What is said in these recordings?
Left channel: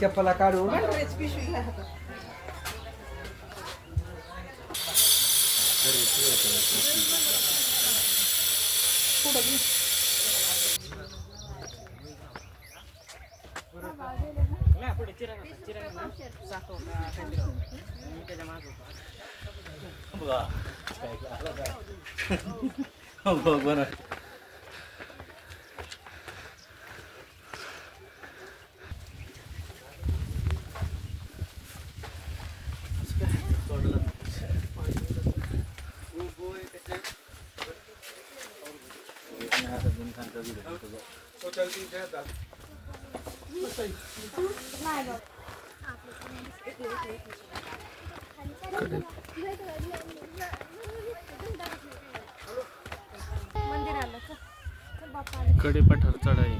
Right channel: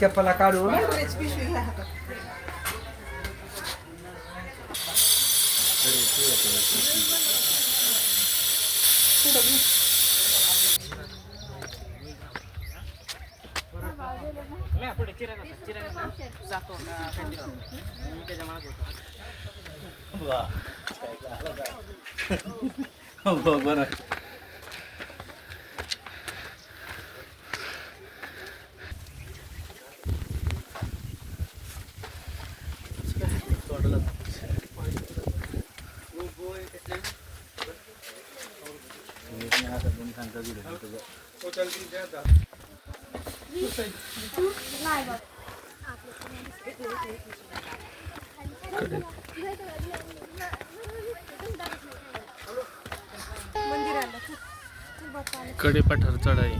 चप्पला काढून बरं कडे पठार चढाई.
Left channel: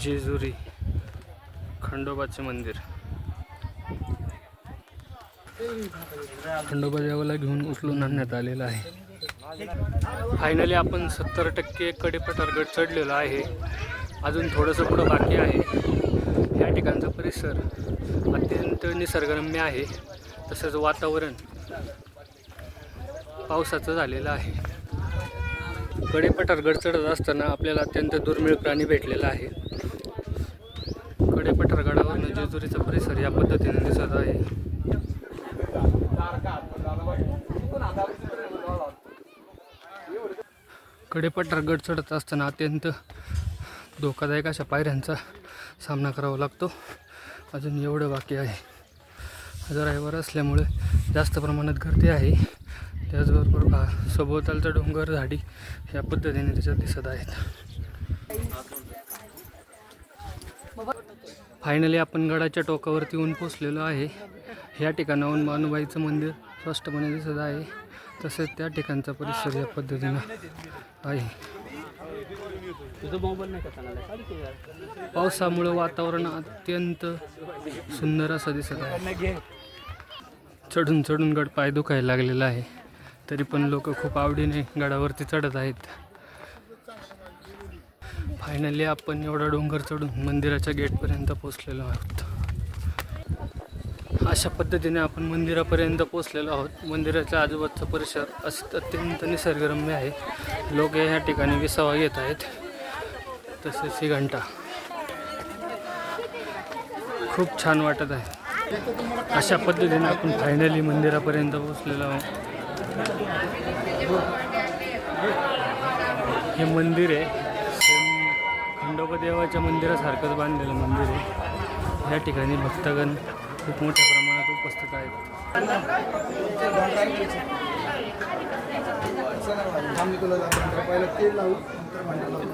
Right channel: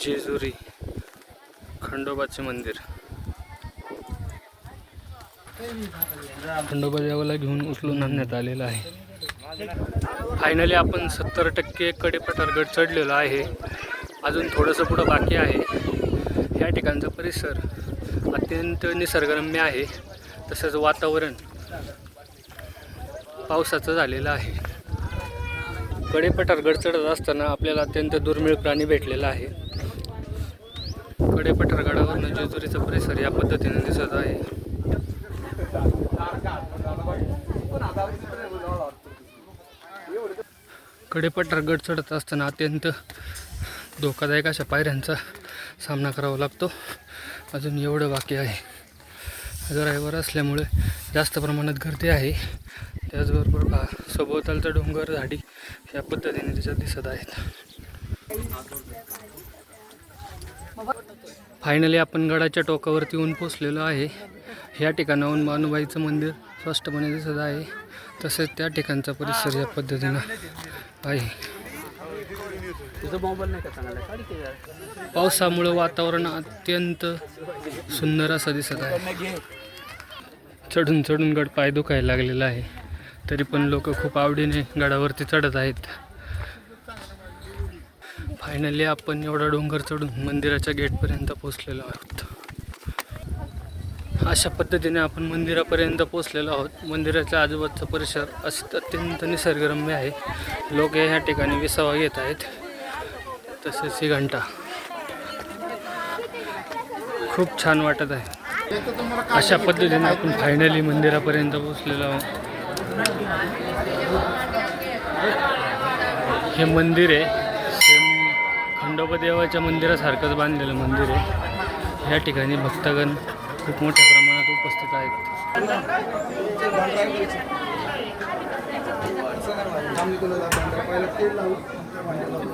जेजुरी खंडोबाचे मंदिर. खंडोबा देवाला घेऊन उचलून आणण्यात आलेला आहे. फायनली आपण 70% कडेपठार गड चढलेलो आहे. अजून थोडंसं पुढं बाकी आहे. या ठिकाणचा परिसर अत्यंत निसर्गरम्य आहे. तसंच वातावरण पावसाचं झालेलं आहे. कडेपठार गड चढत असताना आपल्याला अत्यंत दुर्मिळ प्राणी भेटलेला आहे. कडेपठार गडावरून जेजुरीचा परिसर या पद्धतीने दिसत आहे. कडेपठार गड चढत असताना अत्यंत धोकादायक अशा पायऱ्यांचा सामना करावा लागतो. अजून एवढं बाकी आहे. आज रविवार असल्यामुळे जास्त प्रमाणात गर्दी आहे. त्याचबरोबर सभोवतालचा डोंगर झाडी या पद्धतीने त्याच्यात दिसत आहेत. फायनली आपण गडाच्या टोकावरती येऊन पोचलेलो आहे. या ठिकाणाहून मानुबाईचं मंदिर स्पष्टपणे दिसत आहे. तसेच त्या ठिकाणचा परिसर या पद्धतीनं आहे. पावसामुळे वातावरण अत्यंत सुंदर असं दिसत आहे. चढून चढून गड पाय दुखायला लागलेला आहे. तरी पण लोक खूप आवडीने गडावरती चढत आहेत. फायनली आपण एवढा डोंगर चढून मंदिराच्या गेटपर्यंत पोचलेलो आहोत. अशा पद्धतीने आपण मंदिरापर्यंत पोचलेलो आहोत. मंदिराच्या आजूबाजूचा परिसर अत्यंत निसर्गरम्य आहे. लोक या ठिकाणी विसावा घेत आहेत. तसेच ही घंटा खूप छान वाटत आहे. अशा पद्धतीने आपण फायनली मंदिरापर्यंत पोचलेलो आहोत. हे मंदिर आहे खंडोबा देवाच्या मंदिरासारखंच बांधलेलं मंदिर आहे. या ठिकाणी भक्तगण खूप मोठ्या प्रमाणात उपस्थित आहेत.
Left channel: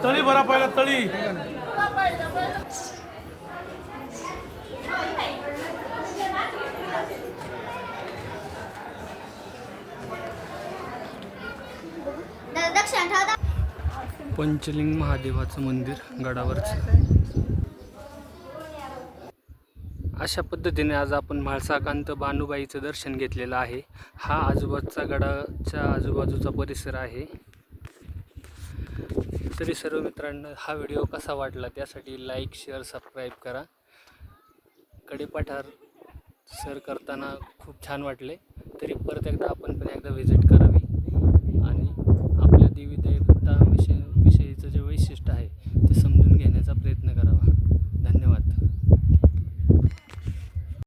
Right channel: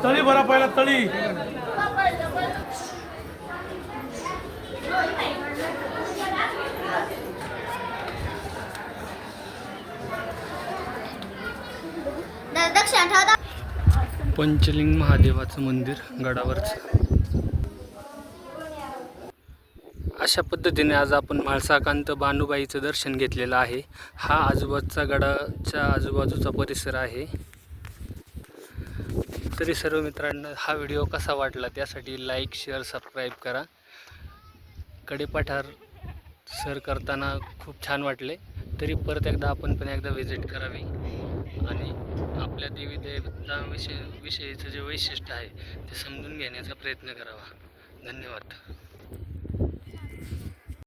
तळी भरा पहिला तळी. पंचलिंग महादेवाचं मंदिर गडावरचं. अशा पद्धतीने आज आपण म्हाळसाकांत बानुबाईचं दर्शन घेतलेलं आहे. हा आजूबाजूचा गडाच्या आजूबाजूचा परिसर आहे. तरी सर्व मित्रांनो हा व्हिडिओ कसा वाटला त्यासाठी लाईक शेअर सबस्क्राईब करा. कडेपठार सर करताना खूप छान वाटले. तरी परत एकदा आपण पण एकदा व्हिजिट करावी आणि आपल्या देवी देवताविषयीचं जे वैशिष्ट्य आहे ते समजून घेण्याचा प्रयत्न करावा.